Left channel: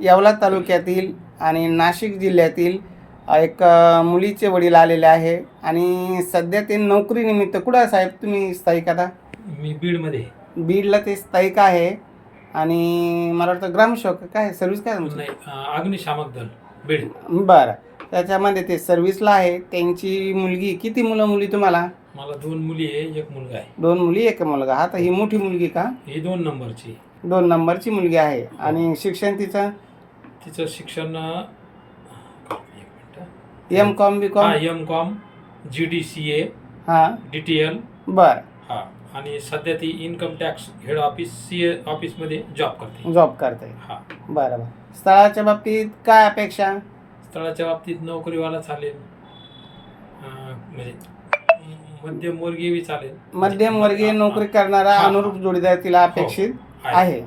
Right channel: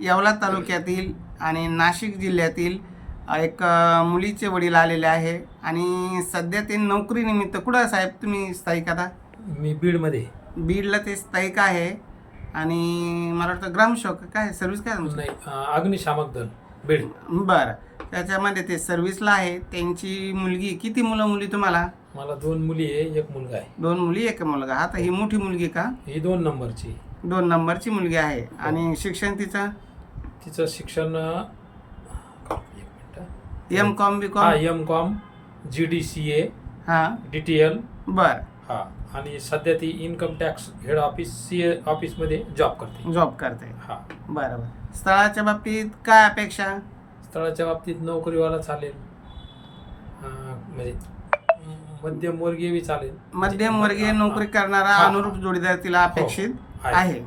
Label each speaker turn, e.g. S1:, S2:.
S1: येवला तालुक्यातील आणि नाशिक जिल्ह्यातील एक मुलीचे वडील आलेले आहे आणि सध्या ते नोकरीनिमित्त कुठं साहेब तुम्ही स्थायिक आता?
S2: मी बीडमध्ये
S1: बीडला ते स्थायिक आहे आणि मला वाटतं ग्रामसेवक काय सर्व्हिस काय तुमची?
S2: नाही अं, अग्निशामक दल बीड.
S1: बरं. त्याच्यामध्ये ते सर्व्हिसला आहे. त्यांची मुलगी किती मुलं मुली तुम्हाला?
S2: मला दोन मुली आहे एक मुलगा आहे.
S1: दोन मुली एक मुलगा. हा तर ही मोठी मुलगी का?
S2: ही दोन नंबरची.
S1: दोन नंबरची मुलगी आहे. आणि शिक्षण तिचं?
S2: तिचं शिक्षण
S1: एम कॉम बी
S2: हा
S1: com
S2: M com G D C A
S1: हां.
S2: डी टी एल
S1: बरं.
S2: हा. आणि सध्या ती income tax head office C A ऑफिसमध्ये जॉब करते.
S1: जॉब करते.
S2: हा.
S1: बरं बरं. स्थळाच्या बाबतीत काय अपेक्षा?
S2: स्थळाच्या बाबतीत नोकरीवाला चालेल. अं, म्हणजे मध्यमवर्गीय बी चालेल.
S1: मध्यमवर्गीय नोकरी करणारा
S2: हा.
S1: अनुरूप जोडीदार तिला
S2: हो,
S1: अपेक्षित?
S2: आहे.
S1: आहे.